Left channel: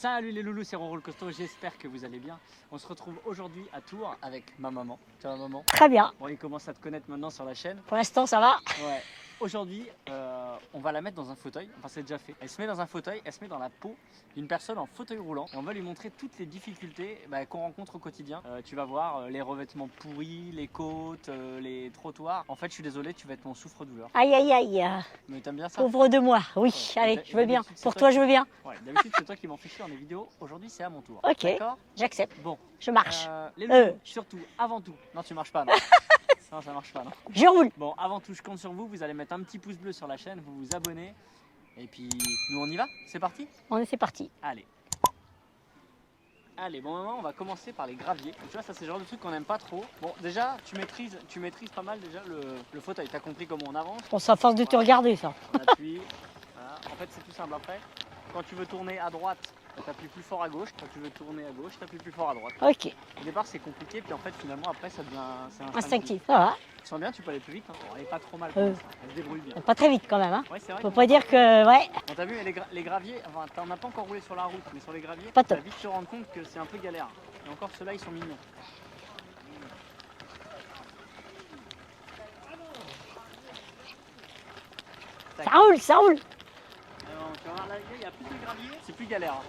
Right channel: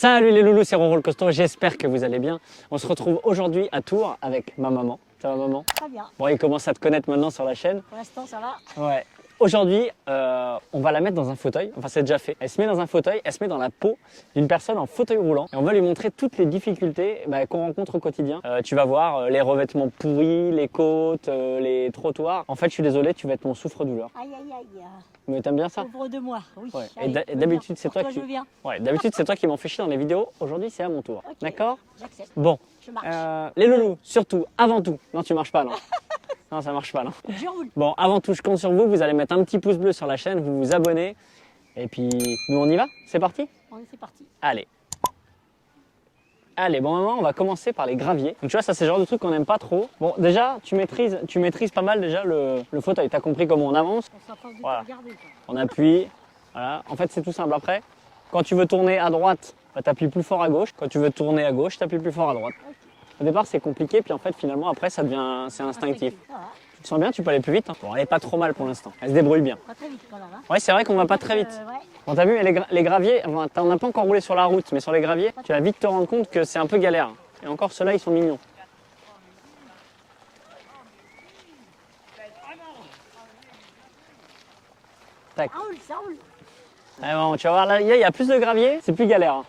Salut les loulous, c'est Roro le costaud, j'espère que vous allez bien. On se retrouve aujourd'hui à Tours avec ma maman. Ça va maman? Très bien. Bon, il commence à te connaître maintenant sur la chaîne. Pour l'instant, ça va. Ouais. Aujourd'hui, on va la mettre dans un fauteuil, enfin c'est déjà fait. Elle se met dans un fauteuil, elle se met dans la peau d'une personne en fauteuil roulant. Et on va lui montrer toutes les difficultés qu'on rencontre au quotidien. Tu vas voir les revêtements pourris, les côtes, les trottoirs. En fait, je suis désolé, tu vas être mon souffre-douleur. Aïe, aïe, aïe. Mais t'aimes bien ça? Pauvre de moi. Oui, Ouais. allez, Et je veux bien. d'habitude, c'est Pour toi toi, qui- je veux bien. Ouais, d'habitude c'est toi qui m'en fais chier dans les vidéos. Aujourd'hui, c'est à mon tour. Ok. D'accord? J'accepte. Bon. Je marche. Les loulous, surtout, avant tout. Non, tu marches pas, non. Non, ça marche pas, non. Je roule. Bon, avant tout, je compte sur vous. Vous allez mettre un petit pouce bleu sur la chaîne, vous vous abonnez. Et puis, nous, on y va? C'est parti? C'est parti. Allez. Allez, bon, maman, on va commencer par les graviers. Donc, tu vois, ça, c'est le genre de truc qu'on n'aime pas trop. Bon, déjà, tu maîtrises pas mal déjà le fauteuil. T'as compris comment on avance? On s'à force de te Voilà. regarder, ça. On appuie. Voilà. En fait, c'est tout simple. Après, quand tu veux tourner à droite, tu appuies plus fort à gauche. Quand tu veux tourner à gauche, tu appuies plus fort à droite. Ok. Au départ, c'est compliqué, puis en fait, finalement, après, c'est instinctif. Instinctif. Ça va. Tu sens bien, tu peux aller plus vite. Hein. Bon, elle est pas trop mal pour l'instant. Elle se débrouille bien. Pas très vite, quand même. Hein. Ouais, c'est vrai Faut qu'on va pas dire très vite. que, ouais. Bon, t'as vu, les graviers, enfin, t'en as pas encore roulé sur la route, mais sur les graviers, Pas tu vas vite te rendre compte que c'est un peu galère. Et encore, ceux-là, ils sont mignons. Tac. Ça roule, ça roule. Ah, bon, tu vas voir, là, il y a plus de graviers, c'est plus galère. Hein.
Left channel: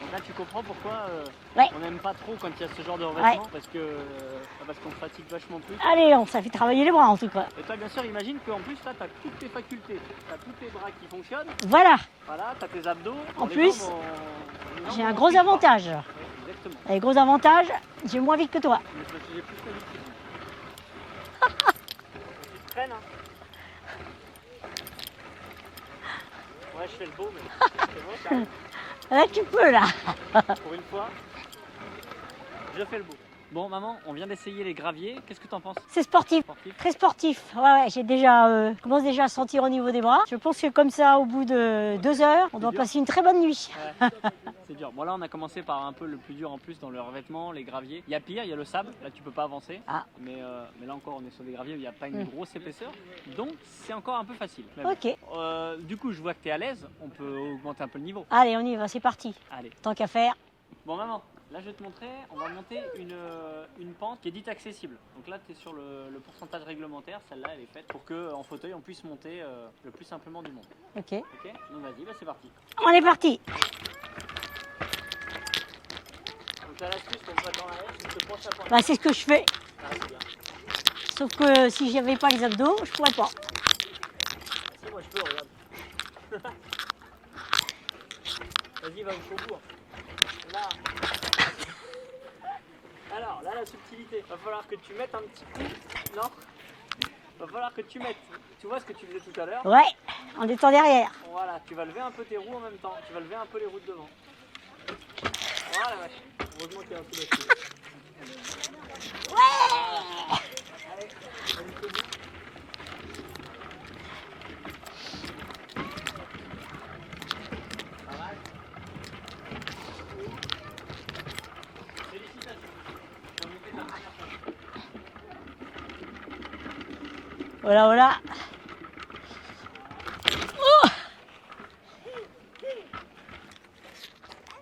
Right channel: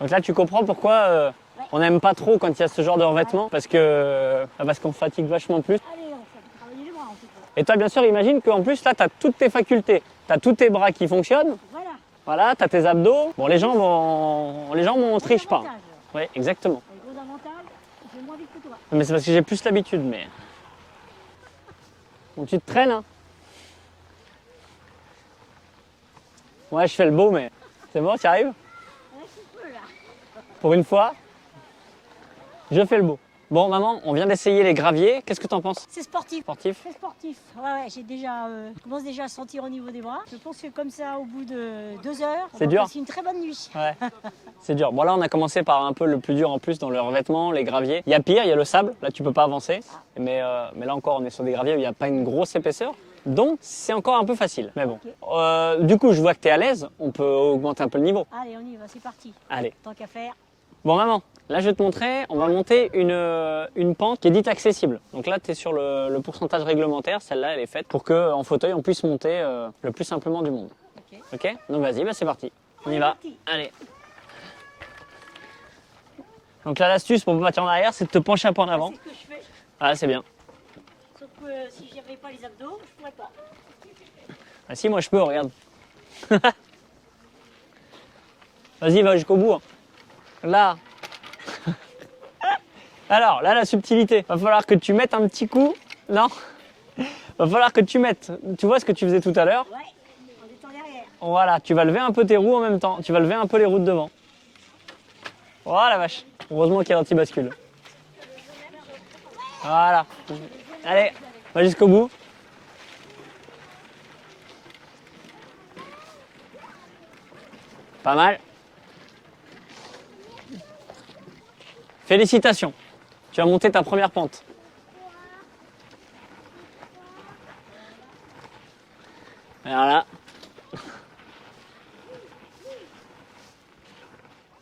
Donc là, tu comprends pourquoi Ouais. on n'aime pas trop quand il y a ce genre de revêtement, Ouais. parce qu'on fatigue vachement plus. Allez, ça fait travailler les bras, en tout cas. Et toi, bien sûr, imagine qu'en plus, là, tu as toutes tes facultés. Tu as tous tes bras qui fonctionnent. Voilà. Voilà, tu as tes abdos. Bon, En les plus, gens vont J'ai un gros triche pas. avantage. Oui, exactement. Et gros avantage, j'ai moins vite que toi. Mais c'est parce que j'ai plus l'habitude, mais... Donc tu te traînes, hein. Ouais, je fais le beau, mais c'est bon, tu arrives? Là, tu peux, là. Pour une fois, je fais le beau. Bon, maman, on vient d'essayer les graviers. Qu'est-ce que t'en penses? C'est sportif. Sportif? Très sportif. Ouais, j'ai déjà, je commence déjà à sentir au niveau des bras. Je pense que comme ça, au bout de 2 heures, on C'est va dur. passer une très bonne nuit. Ouais. C'est dur. Bon, là, on a commencé par un peu le plus dur en plus dans le revêtement, les graviers. Il y a pire, il y a le sable. Là, tu peux pas avancer. Ah. Mais là encore, on est sur des graviers où il n'y a pas une grosse épaisseur. Donc, c'est encore un peu facile. Mais bon. Ok. Du coup, je vois que tu es à l'aise. On peut augmenter un peu le niveau. Allez, on y va, c'est parti. Allez. Tant qu'à faire. Bon, maman, là, je vais te montrer. On va monter une pente qui est dite accessible. Donc là, tu es sur le pourcentage réglementaire. Celle-là, elle est faite pour qu'en fauteuil, on puisse monter le plus simplement du monde. Ok. Ok? Donc, vas-y, bah, c'est parti. On y est va. parti. Allez. Donc là, l'astuce pour passer en arrière, c'est de te pencher un peu en Bah, avant. c'est ce que je fais. Ah, c'est bien. Sauf que si j'avais pas les abdos, je pourrais pas. Ah si, moi je peux, regarde. Vas-y, va jusqu'au bout. Hein. Là. Alors, là, la subtilité. Va falloir que tu mettes un petit coup. Non. Va falloir que tu mettes. Tu vois ce que tu faisais tout à l'heure? Ouais, en étant derrière. Voilà, tu vas lever un peu tes roues en même temps. Tu vas lever un peu les roues de devant. Voilà, la vache. Heureusement qu'il y a l'anti-bascule. Voilà. Allez, va jusqu'au bout. Pas mal. Félicitations. Tu as monté ta première pente. Voilà, voilà. Alors là.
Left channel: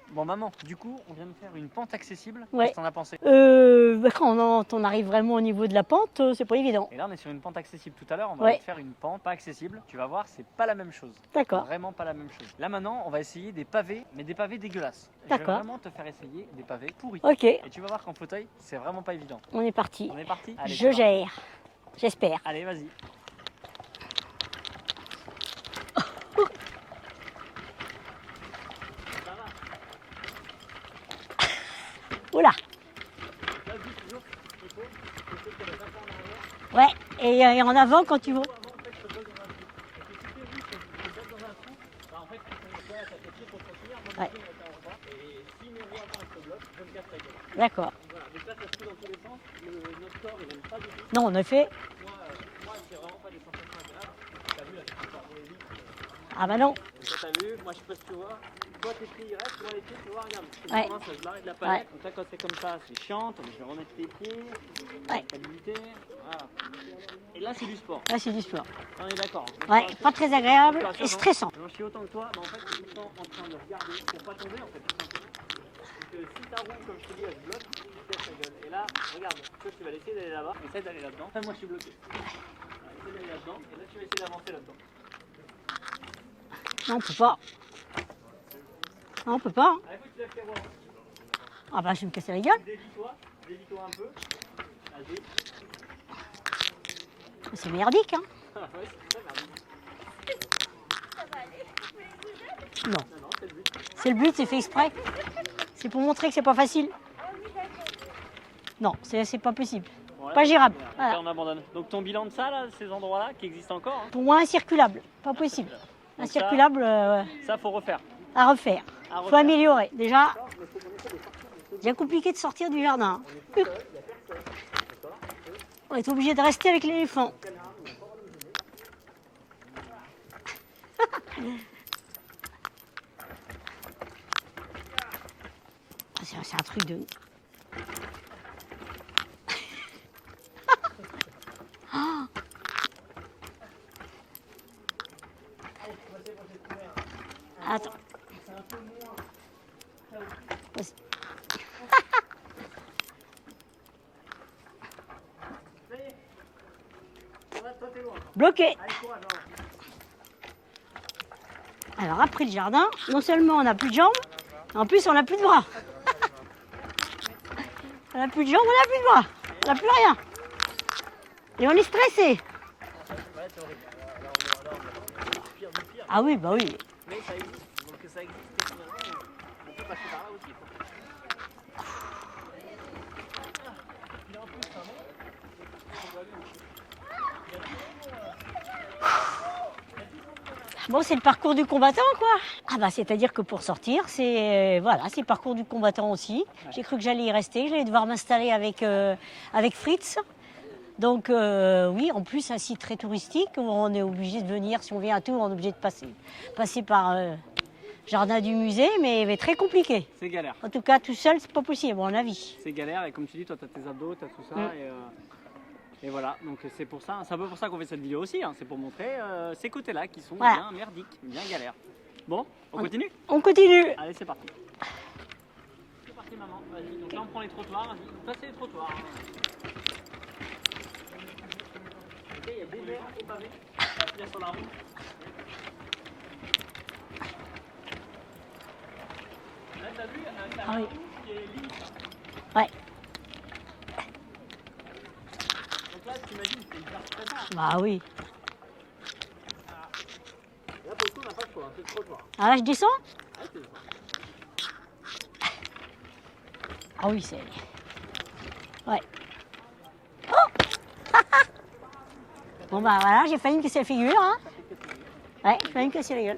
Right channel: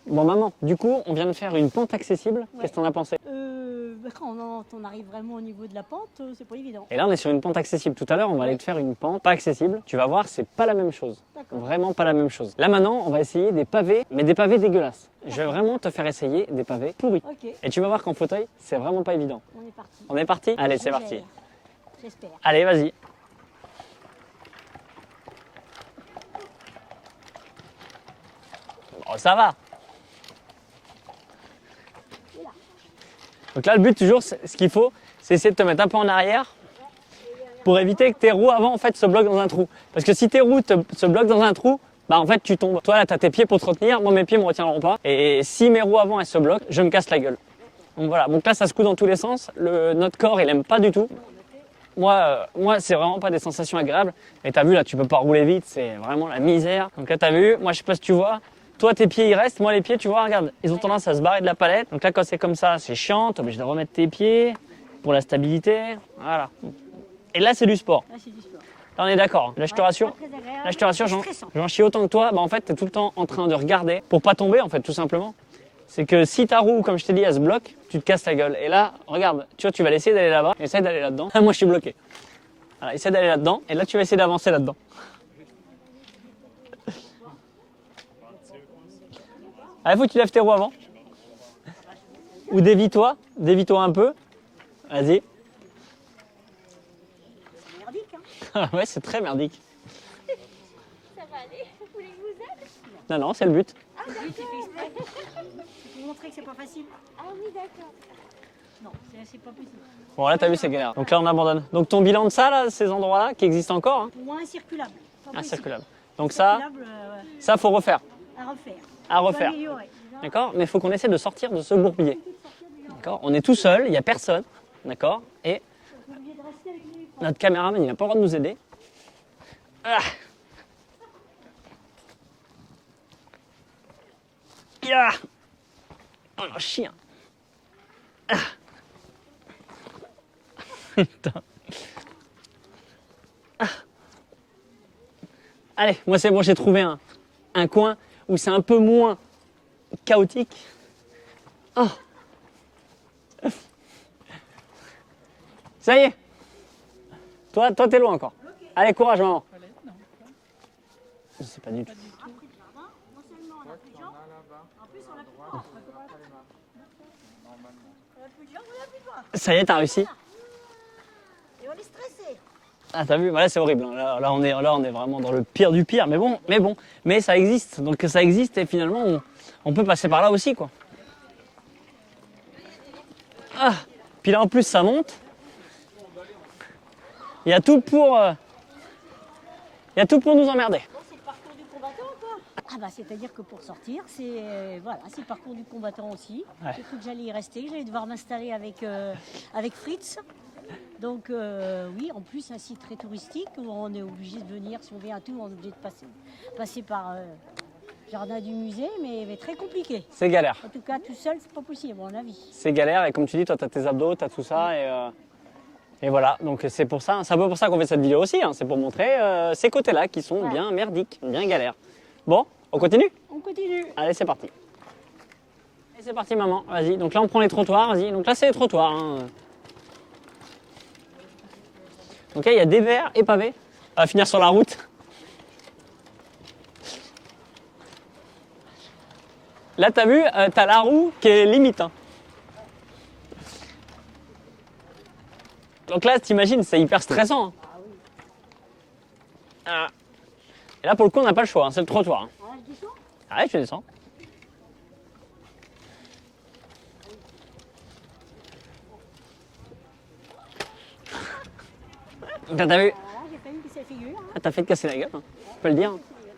Bon maman, du coup, on vient de faire une pente accessible. Ouais. Qu'est-ce que t'en as pensé? Quand on arrive vraiment au niveau de la pente, c'est pas évident. Et là, on est sur une pente accessible. Tout à l'heure, on va Ouais. aller te faire une pente pas accessible. Tu vas voir, c'est pas la même chose. D'accord. Vraiment pas la même chose. Là maintenant, on va essayer des pavés, mais des pavés dégueulasses. Je vais D'accord. vraiment te faire essayer des pavés pourris. Ok, Et tu vas voir qu'en fauteuil, c'est vraiment pas évident. on est parti. On est parti? Allez, Je c'est parti. gère. J'espère. Allez, vas-y. Oh, ça va. Oula. Donc là, le but toujours, ce qu'il faut, c'est essayer de te mettre un peu en arrière Ouais, et en pour avant éviter quand que tes tu... roues avant en fait se bloquent dans un trou. Parce que si tes roues se bloquent dans un trou, bah en fait tu tombes. Toi là, tu as tes pieds pour te retenir, moi mes pieds me retiendront pas. Et si mes roues avant elles se bloquent, je me casse la gueule. D'accord. Donc voilà, donc là ça se coud dans tous les sens. Notre corps il aime pas du tout. Non, en effet. Moi c'est vraiment pas des sensations agréables. Et t'as vu là, tu peux pas rouler vite, c'est vraiment la Ah bah non. misère. Donc là t'as vu, moi je sais pas si tu vois. Toi tes pieds ils restent, moi les pieds tu vois, regarde, ils ont Ouais. tendance à se barrer de la palette. Donc là quand c'est comme ça, c'est chiant, t'es obligé de remettre tes pieds pour la stabilité. Voilà. Et là c'est du sport. Là, c'est du sport. On est d'accord. Là, je te Ouais, rassure. Pas très agréable. Là, je te rassure, et stressant. j'en chie autant que toi. Bah, en fait, tu es tout le temps en train de regarder pour pas tomber, en fait, tout simplement. C'est que si ta roue, comme je t'ai dit, elle se bloque, tu te casses la gueule. Et là, regarde, tu vois, tu vas essayer d'aller là-bas, essaie d'aller là-dedans. Moi, je suis bloqué. Voilà, essaie d'aller là-dedans, et là, tu vas essayer d'avancer là-dedans. Non, on peut pas. Non, on peut pas. Allez, faut que tu lèves tes roues avant. Ah bah, je vais me casser la Ou gueule. dévie-toi un peu. Vas-y. C'est merdique, hein. Ouais, c'est très merdique. Ça va aller. Vous voulez que je vous aide? Non, non, c'est le but. C'est le but, c'est fait exprès. C'est pour montrer que c'est pas facile. Ah oui, d'accord. Non, c'est pas possible. Bon, là, Pas t'as vu, c'est gérable. galère. Donc Voilà. là, on abandonne. Donc ton bilan de ça, là, ces endroits-là, qui existent encore, hein, Pour moi, incirculable. Pas possible. incirculable. Donc Incirculable ça, faut refaire. à refaire. À Faut refaire. améliorer. Déjà, D'accord. Mais il faut qu'on essaie de sortir de ce c'est bouclier. compliqué de sortir du jardin. On est tout seul, il n'y a personne. D'accord. Et On est obligé de rester avec l'éléphant. notre caméraman, il n'a pas le droit de nous aider. Ah. Ya. C'est un chier de... Allez, moi c'est bon, j'ai trouvé un coin où c'est un peu moins chaotique. Oh. Ça y est. Toi, t'es loin encore. Bloqué. Allez, courage, maman. Je sais pas du tout. Alors après le jardin, non seulement on n'a plus de jambes, en plus on n'a plus de bras. On n'a plus de jambes, on n'a plus de bras. Ça y est, On t'as n'a plus réussi. rien. Et on est stressé. Ah, t'as vu, voilà, c'est horrible. Là, on est vraiment dans le pire du pire. Mais Ah bon, oui, bah mais oui. bon, mais ça existe. Donc ça existe et finalement, on peut passer par là aussi, quoi. Ah, puis là en plus, ça monte. Il y a tout pour, il y a tout pour nous emmerder. Bon, c'est le parcours du combattant, quoi. Ah bah, c'est-à-dire que pour sortir, c'est voilà, c'est le parcours du combattant aussi. Ouais. J'ai cru que j'allais y rester, j'allais devoir m'installer avec Fritz. Donc oui, en plus un site très touristique, où on est obligé de venir, si on vient à Tours, on est obligé de passer par jardin du musée, mais très compliqué. C'est galère. En tout cas, tout seul, c'est pas possible, à mon avis. C'est galère et comme tu dis, toi, tu as tes abdos, tu as tout ça et voilà. Donc c'est pour ça, c'est un peu pour ça qu'on fait cette vidéo aussi. Hein. C'est pour montrer ces côtés-là qui sont Voilà. bien merdiques, bien galères. Bon, on continue? On continue. Allez, c'est parti. Allez, c'est parti, maman. Vas-y. Donc là, on prend les trottoirs. Vas-y. Donc là, c'est les trottoirs. Hein. Donc là, il y a des verts et pavés. On va finir sur la route. Là, t'as vu, t'as la roue qui est limite. Hein. Ouais. Donc là, t'imagines, c'est hyper stressant. Hein. Bah oui. Ah. Et là, pour le coup, on n'a pas le choix. Hein. C'est le trottoir. Hein. Ah là, je descends. Allez, tu descends. Ah oui, c'est... Ouais. T'as Bon, vu? bah, voilà, j'ai failli me casser la figure. Hein. Ah, t'as fait te casser la gueule. Hein. Ouais, peux le j'ai failli dire. me casser la gueule.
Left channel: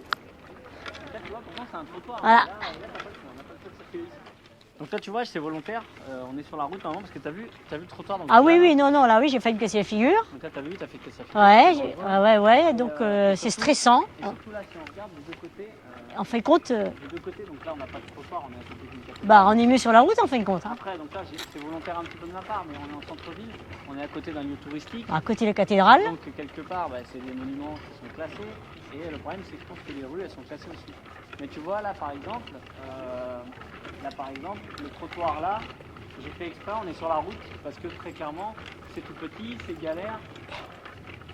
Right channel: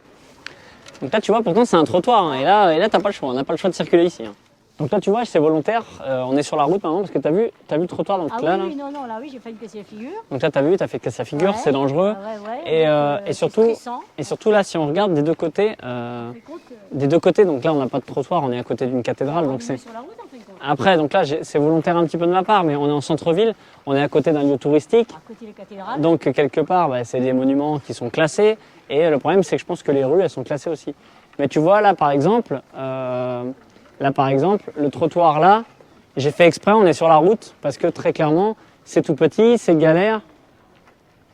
Donc là, tu vois, pourtant, c'est un trottoir. Hein. Voilà. Et là, t'as pas le choix. On n'a pas le choix de circuler ici. Hein. Donc là, tu vois, c'est volontaire. On est sur la route maintenant parce que t'as vu le trottoir. Donc Ah là, oui, oui, non, là, oui, j'ai failli me casser la figure. Donc là, t'as vu, t'as fait te casser la figure. Ouais, C'est dangereux. Ouais, Et, donc et c'est surtout- stressant. Et surtout là, si on regarde des deux côtés, En fin de compte, des deux côtés, donc là, on n'a pas de trottoir. On est à côté d'une cathédrale. bah, on donc est c'est- mieux sur la route en fin de compte. Après, donc là, c'est volontaire un petit peu de ma part, mais on est en centre-ville. On est à côté d'un lieu touristique. À côté de la cathédrale. Donc quelque part, bah, c'est des monuments qui sont classés. Et le problème, c'est que je pense que les rues, elles sont classées aussi. Mais tu vois, là par exemple, le trottoir là, j'ai fait exprès, on est sur la route, parce que très clairement, c'est tout petit, c'est galère.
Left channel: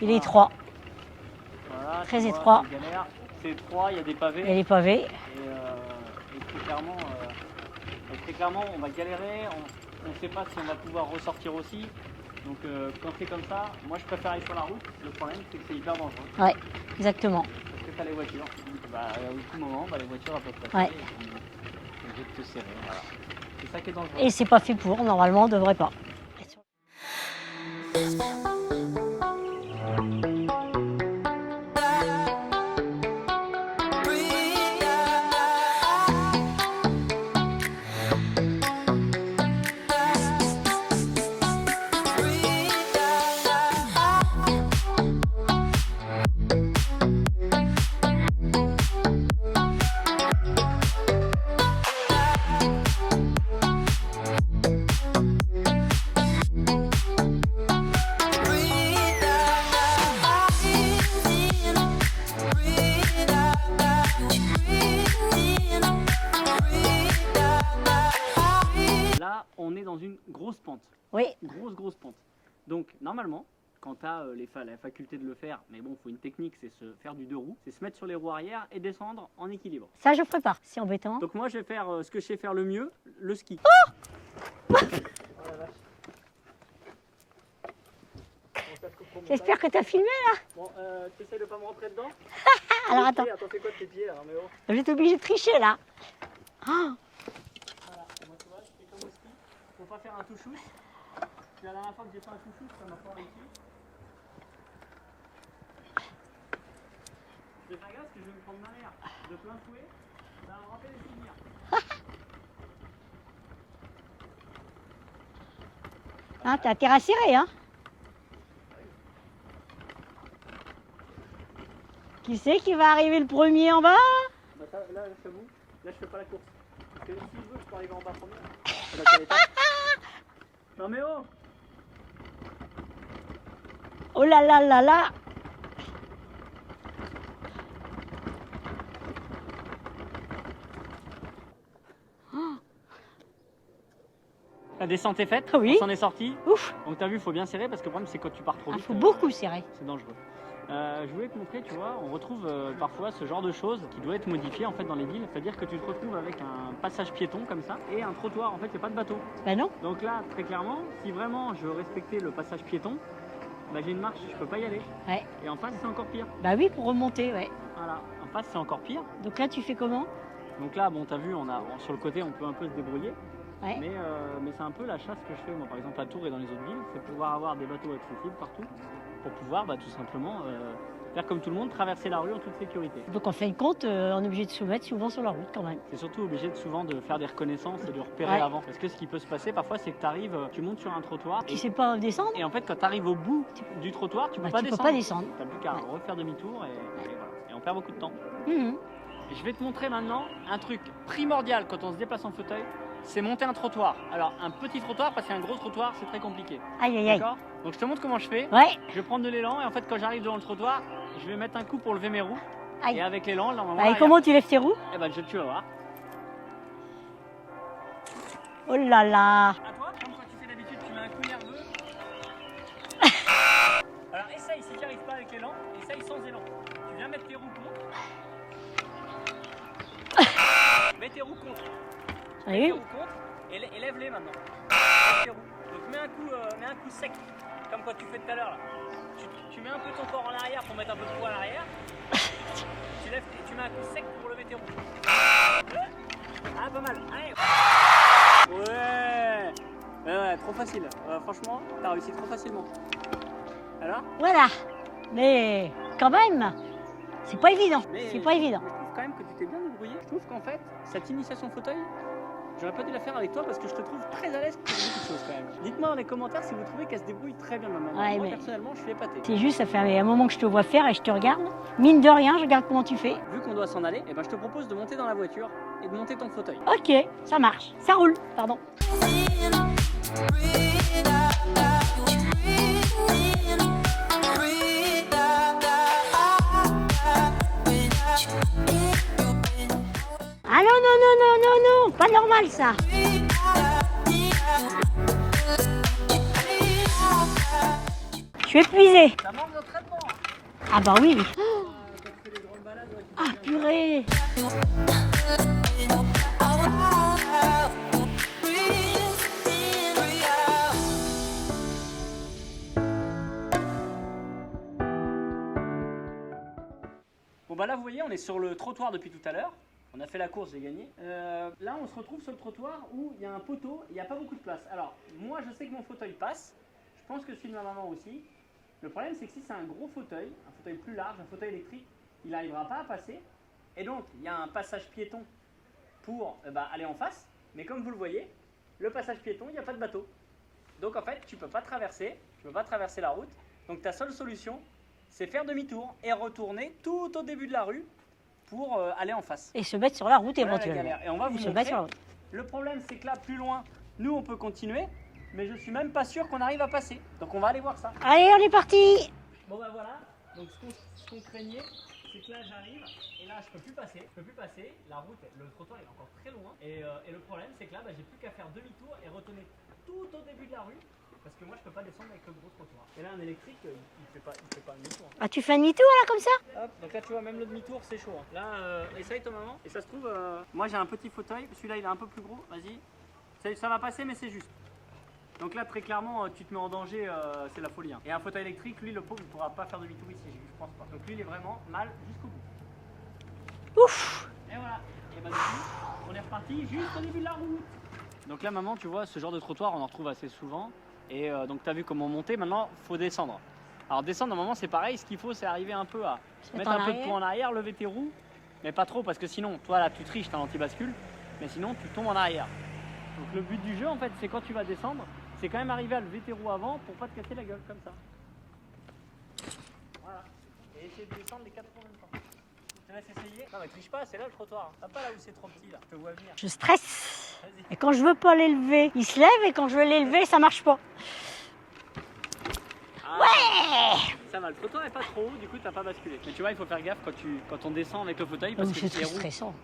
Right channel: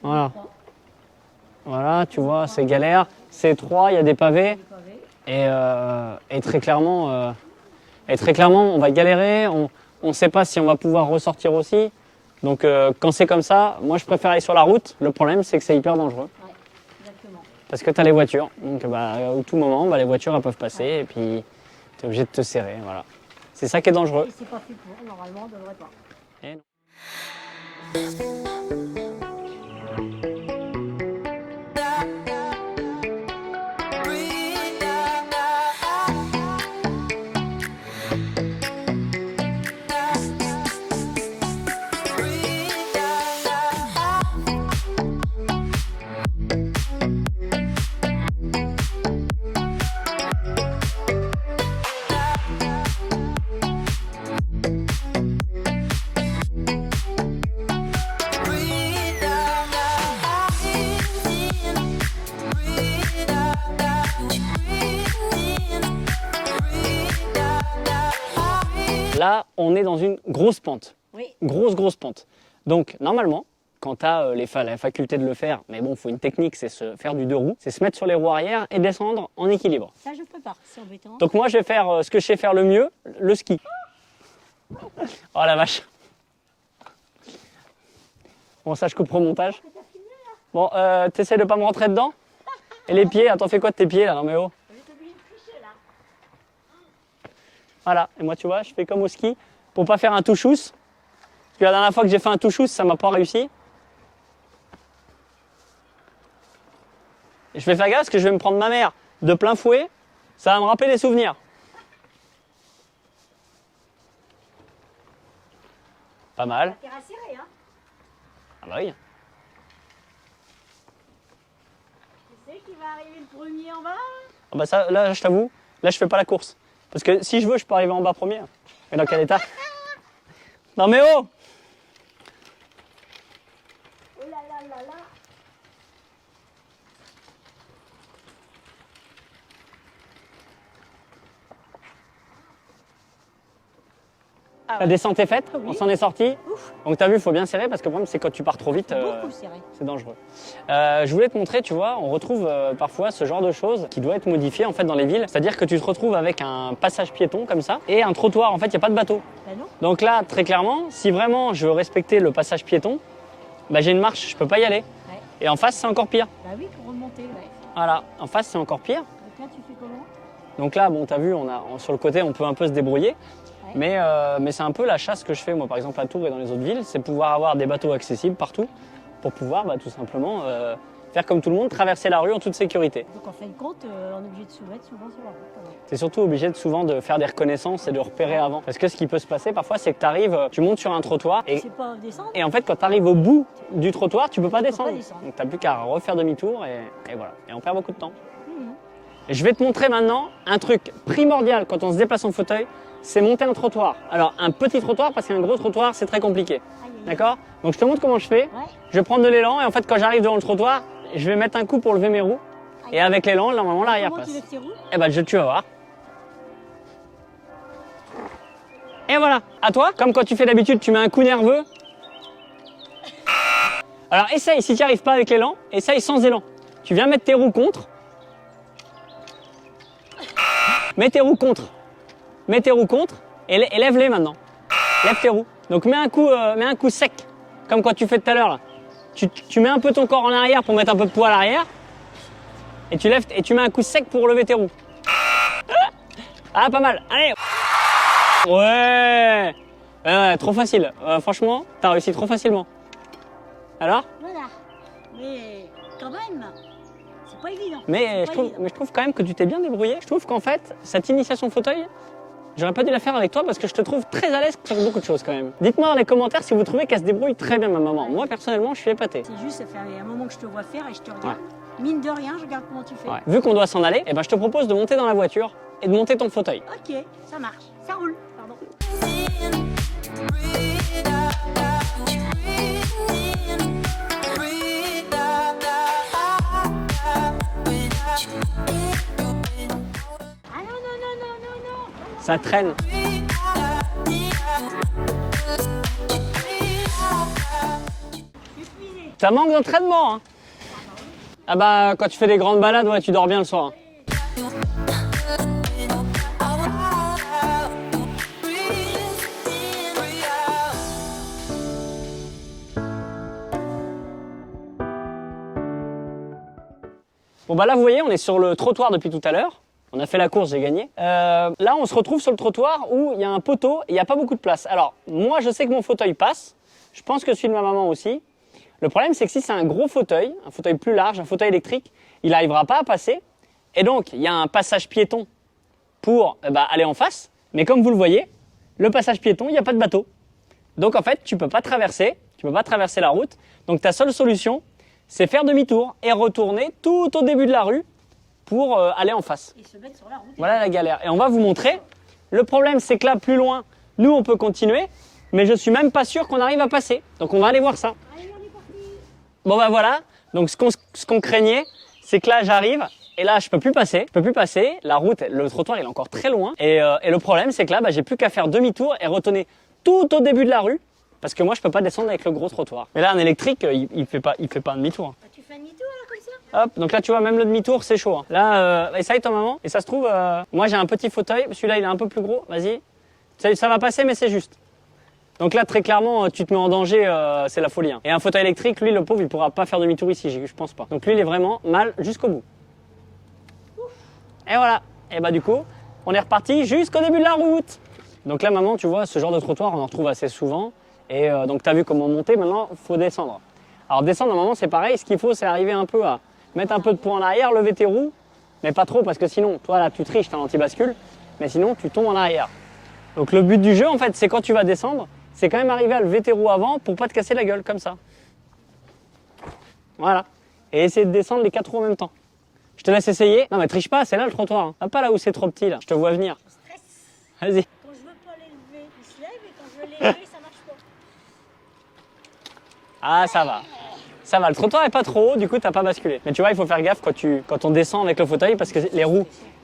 Il est Voilà. étroit. Voilà, Très tu vois, étroit. c'est galère, c'est étroit, il y a des Il y a pavés. des pavés. Et très clairement, on va galérer. On ne sait pas si on va pouvoir ressortir aussi. Donc quand c'est comme ça, moi je préfère aller sur la route. Le problème, c'est que c'est hyper dangereux. Ouais, exactement. Parce que tu as les voitures. Donc bah, à tout moment, bah, les voitures elles peuvent passer Ouais. et puis tu es obligé de te serrer. Voilà. C'est ça qui est dangereux. Et c'est pas fait pour, normalement, on devrait pas. on est dans une grosse pente. Oui. Grosse pente. Donc, normalement, quand tu as la faculté de le faire, mais bon, il faut une technique, c'est se faire du deux roues, c'est se mettre sur les roues arrière et descendre en équilibre. Ça, je ferai pas, c'est embêtant. Donc moi, je vais faire ce que je sais faire le mieux, le ski. Oh la vache. Bon, ça, je couperai au montage. J'espère que tu as filmé là. Bon, t'essaies de pas me rentrer dedans. Et les Alors, pieds, attends, fais quoi de tes pieds là, non mais oh. Je vais être obligée de tricher là. Voilà, et moi tu vois, je fais comme au ski, pour pas faire un touchous. Parce que la dernière fois que j'ai fait un touchous, ça m'a pas réussi. Et je vais faire gaffe parce que je vais me prendre ma mère de plein fouet, ça va me rappeler des souvenirs. Pas T'as mal. intérêt à serrer, hein. Ah bah oui. Qui c'est qui va arriver le premier en bas? Ah bah ça, là je t'avoue, là je fais pas la course. Parce que si je veux, je peux arriver en bas premier. Et dans quel état? Non mais oh! Oh là là là là. La descente est faite, Oui. on s'en est sorti. Ouf. Donc t'as vu, il faut bien serrer parce que le problème c'est quand tu pars trop vite, Faut beaucoup serrer. c'est dangereux. Je voulais te montrer, tu vois, on retrouve parfois ce genre de choses qui doit être modifié en fait dans les villes. C'est-à-dire que tu te retrouves avec un passage piéton comme ça et un trottoir. En fait, il n'y a pas de bateau. Ben non. Donc là, très clairement, si vraiment je veux respecter le passage piéton, bah, j'ai une marche, je peux pas y aller. Ouais. Et en face, c'est encore pire. Bah oui, pour remonter, ouais. Voilà, en face, c'est encore pire. Donc là, tu fais comment? Donc là, bon, t'as vu, sur le côté, on peut un peu se débrouiller. Ouais. Mais c'est un peu la chasse que je fais, moi, par exemple, à Tours et dans les autres villes, c'est pouvoir avoir des bateaux accessibles partout pour pouvoir tout simplement faire comme tout le monde, traverser la rue en toute sécurité. Donc en fin de compte, on est obligé de se mettre souvent sur la route quand même. C'est surtout obligé souvent de faire des reconnaissances et de repérer Ouais. avant. Parce que ce qui peut se passer parfois, c'est que tu arrives, tu montes sur un trottoir Tu sais pas descendre? et en fait, quand tu arrives au bout du trottoir, tu peux pas peux descendre. pas descendre. Donc tu n'as plus qu'à refaire demi-tour et voilà. Et on perd beaucoup de temps. Mhm. Et je vais te montrer maintenant un truc primordial quand on se déplace en fauteuil, c'est monter un trottoir. Alors un petit trottoir, parce qu'un gros trottoir, c'est très compliqué. Aïe aïe aïe. D'accord? Donc je te montre comment je fais. Ouais. Je vais prendre de l'élan et en fait, quand j'arrive devant le trottoir, je vais mettre un coup pour lever mes roues. Aïe. Et avec l'élan, normalement, Allez, là, comment tu lèves tes roues? Eh ben, tu vas voir. Oh là là. Et voilà, à toi, comme quand tu fais d'habitude, tu mets un coup nerveux. Alors essaye, si tu n'y arrives pas avec l'élan, essaye sans élan. Tu viens mettre tes roues contre. Mets tes roues contre. Mets Oui. tes roues contre et lève-les maintenant. Lève tes roues. Donc mets un coup sec, comme quand tu fais tout à l'heure là. Tu mets un peu ton corps en arrière pour mettre un peu de poids à l'arrière. Et tu lèves et tu mets un coup sec pour lever tes roues. Ah, pas mal. Allez. Ouais. Ouais, trop facile. Franchement, t'as réussi trop facilement. Alors? Voilà. Mais quand même, c'est pas évident. Mais C'est pas évident. je trouve quand même que tu t'es bien débrouillé. Je trouve qu'en fait, cette initiation fauteuil, j'aurais pas dû la faire avec toi parce que je te trouve très à l'aise pour beaucoup de choses quand même. Dites-moi dans les commentaires si vous trouvez qu'elle se débrouille très bien, ma maman. Ouais, Moi, mais- personnellement, je suis épaté. C'est juste, ça fait un moment que je te vois faire et je te regarde. Mine de rien, je regarde comment tu fais. Ouais. Vu qu'on doit s'en aller, eh ben, je te propose de monter dans la voiture et de monter ton fauteuil. Ok, ça marche. Ça roule, pardon. Ah non, non, non, non, non, non, pas normal traîne. ça. Je suis épuisée. Ça manque d'entraînement, hein. Ah bah oui, oui. Ah bah, quand tu fais des grandes balades, ouais, tu dors bien le soir. Oui. Bon bah là, vous voyez, on est sur le trottoir depuis tout à l'heure. On a fait la course, j'ai gagné. Là, on se retrouve sur le trottoir où il y a un poteau et il n'y a pas beaucoup de place. Alors, moi, je sais que mon fauteuil passe. Je pense que celui de ma maman aussi. Le problème, c'est que si c'est un gros fauteuil, un fauteuil plus large, un fauteuil électrique, il n'arrivera pas à passer. Et donc, il y a un passage piéton pour aller en face. Mais comme vous le voyez, le passage piéton, il n'y a pas de bateau. Donc, en fait, tu ne peux pas traverser la route. Donc, ta seule solution, c'est faire demi-tour et retourner tout au début de la rue pour aller en face. Et se mettre sur la route. Voilà la éventuellement. galère. Et on va vous Se montrer. mettre sur la route. Le problème, c'est que là, plus loin, nous, on peut continuer. Mais je suis même pas sûr qu'on arrive à passer. Donc, on va aller voir ça. Allez, on est parti. Bon, bah voilà. Donc, ce qu'on craignait, c'est que là, j'arrive Et là, je peux plus passer. La route, le trottoir, il est encore très loin. Et le problème, c'est que là, j'ai plus qu'à faire demi-tour et retourner tout au début de la rue. Parce que moi, je peux pas descendre avec le gros trottoir. Mais là, un électrique, il fait pas un demi-tour. Ah, tu fais un demi-tour là comme ça? Hop, donc là, tu vois, même le demi-tour, c'est chaud. Hein. Là, essaye ton maman. Et ça se trouve, moi, j'ai un petit fauteuil. Celui-là, il est un peu plus gros. Vas-y. Ça va passer, mais c'est juste. Donc là, très clairement, tu te mets en danger, c'est la folie. Hein. Et un fauteuil électrique, lui, le pauvre, il pourra pas faire demi-tour ici, je pense pas. Donc lui, il est vraiment mal jusqu'au bout. Ouf. Et voilà. Et bah du coup, on est reparti jusqu'au début de la route. Donc là, maman, tu vois, ce genre de trottoir, on en retrouve assez souvent. Et donc, tu as vu comment monter, maintenant, il faut descendre. Alors, descendre, normalement, c'est pareil. Ce qu'il faut, c'est arriver un peu à mettre un peu de poids en arrière, lever tes roues, mais pas trop, parce que sinon, toi, là, tu triches, tu as un anti-bascule, mais sinon, tu tombes en arrière. Donc, le but du jeu, en fait, c'est quand tu vas descendre, c'est quand même arriver à lever tes roues avant pour pas te casser la gueule, comme ça. Voilà. Et essayer de descendre les 4 roues en même temps. Je te laisse essayer. Non, mais triche pas, c'est là le trottoir. Hein. Pas là où c'est trop petit, là. Je te vois venir. Je stresse. Vas-y. Et quand je veux pas l'élever, il se lève et quand je veux l'élever, ça marche pas. Ah, ça va. Ça va, le trottoir est pas trop haut, du coup, t'as pas basculé. Mais tu vois, il faut faire gaffe quand on descend avec le fauteuil parce que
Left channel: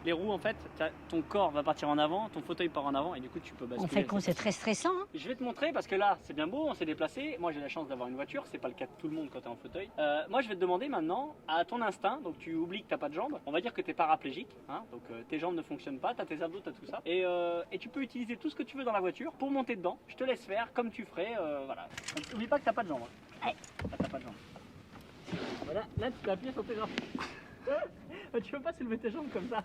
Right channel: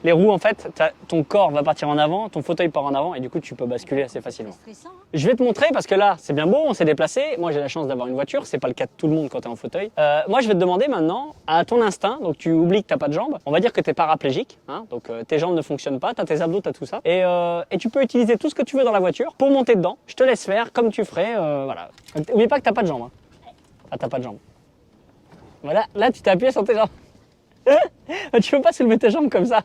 les roues, en fait, ton corps va partir en avant, ton fauteuil part en avant et du coup, tu peux basculer assez C'est facilement. très stressant. Hein. Je vais te montrer parce que là, c'est bien beau, on s'est déplacé. Moi, j'ai la chance d'avoir une voiture, c'est pas le cas de tout le monde quand t'es en fauteuil. Moi, je vais te demander maintenant, à ton instinct, donc tu oublies que t'as pas de jambes, on va dire que t'es paraplégique, hein, donc tes jambes ne fonctionnent pas, t'as tes abdos, t'as tout ça. Et tu peux utiliser tout ce que tu veux dans la voiture pour monter dedans. Je te laisse faire comme tu ferais, voilà. Oublie pas que t'as pas de jambes. Hein. Ah, t'as pas de jambes. Voilà, là tu t'es appuyé sur tes jambes. Tu peux pas soulever tes jambes comme ça.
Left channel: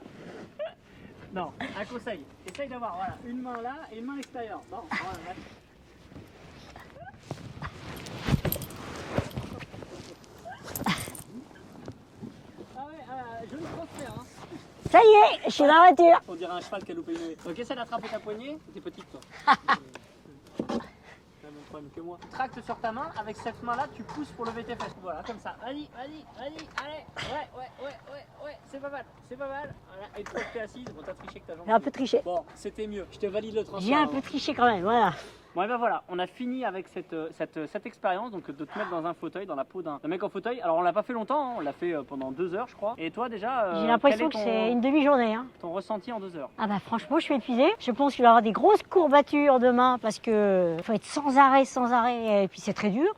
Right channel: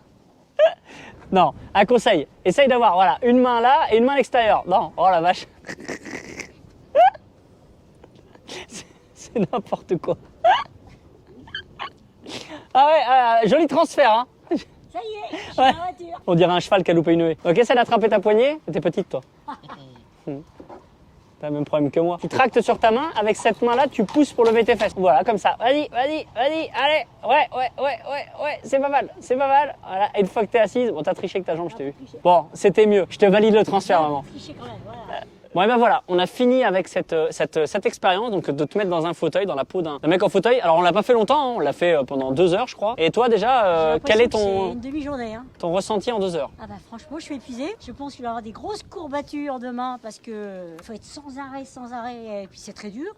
Non, un conseil, essaye d'avoir voilà, une main là et une main à l'extérieur. Non, oh la vache. C'est n'importe quoi. Ah ouais, joli transfert. Hein. Ça y est, je suis dans la voiture. On dirait un cheval qui a loupé une haie. Ok, essaie d'attraper ta poignée. T'es petite toi. T'as le même problème que moi. Tu tractes sur ta main, avec cette main-là, tu pousses pour lever tes fesses. Voilà, comme ça. Vas-y, allez. Ouais, c'est pas mal. Voilà, et une fois que t'es assise, bon, t'as triché avec ta jambe, J'ai un je t'ai peu vu. triché. Bon, c'était mieux. Je te valide le J'ai transfert. un Maman. peu triché quand même, voilà. Bon, et ben voilà, on a fini avec cette expérience, donc de te mettre dans un fauteuil, dans la peau d'un mec en fauteuil. Alors on l'a pas fait longtemps, hein, on l'a fait pendant 2 heures, je crois. Et toi J'ai déjà, quel l'impression est que c'est une demi-journée. Hein. ton ressenti en 2 heures? Ah bah franchement, je suis épuisée. Je pense qu'il y aura des grosses courbatures demain parce que faut être sans arrêt. Et puis c'est très dur.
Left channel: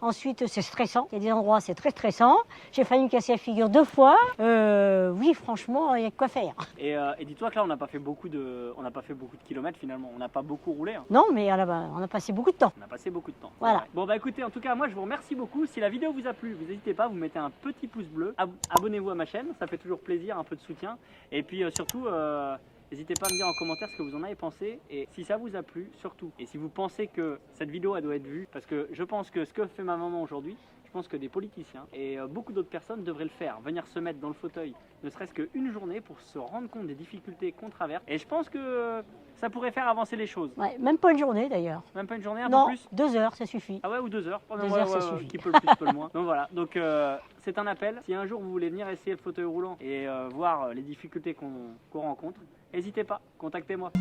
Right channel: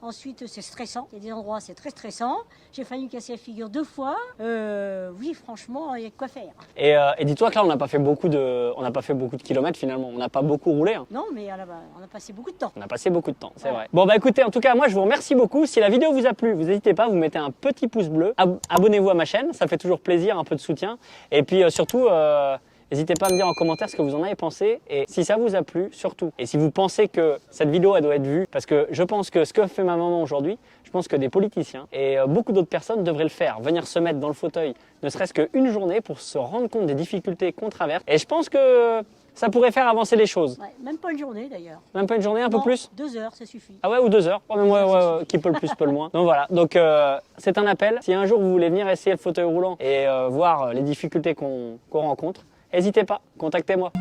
Ensuite, c'est stressant. Il y a des endroits, c'est très stressant. J'ai failli me casser la figure 2 fois. Oui, franchement, il y a de quoi faire. Et dis-toi que là, on n'a pas fait beaucoup de kilomètres finalement. On n'a pas beaucoup roulé. Hein. Non, mais on a passé beaucoup de temps. On a passé beaucoup de temps, c'est Voilà. vrai. Bon bah écoutez, en tout cas moi je vous remercie beaucoup. Si la vidéo vous a plu, vous n'hésitez pas, vous mettez un petit pouce bleu. Abonnez-vous à ma chaîne, ça fait toujours plaisir, un peu de soutien. Et puis surtout, n'hésitez pas à me dire en commentaire ce que vous en avez pensé. Et si ça vous a plu, surtout. Et si vous pensez que cette vidéo elle doit être vue, parce que je pense que ce que fait ma maman aujourd'hui, je pense que des politiciens et beaucoup d'autres personnes devraient le faire. Venir se mettre dans le fauteuil, ne serait-ce qu'une journée pour se rendre compte des difficultés qu'on traverse. Et je pense que ça pourrait faire avancer les choses. Ouais, même pas une journée d'ailleurs. Même pas une journée, un Non, peu plus? 2 heures, ça suffit. Ah ouais, ou 2 heures. Oh, mais 2 moi, heures, ça suffit. qui peut le plus, peut le moins. Donc voilà, donc c'est un appel. Si un jour vous voulez venir essayer le fauteuil roulant et voir les difficultés qu'on rencontre, n'hésitez pas, contactez-moi.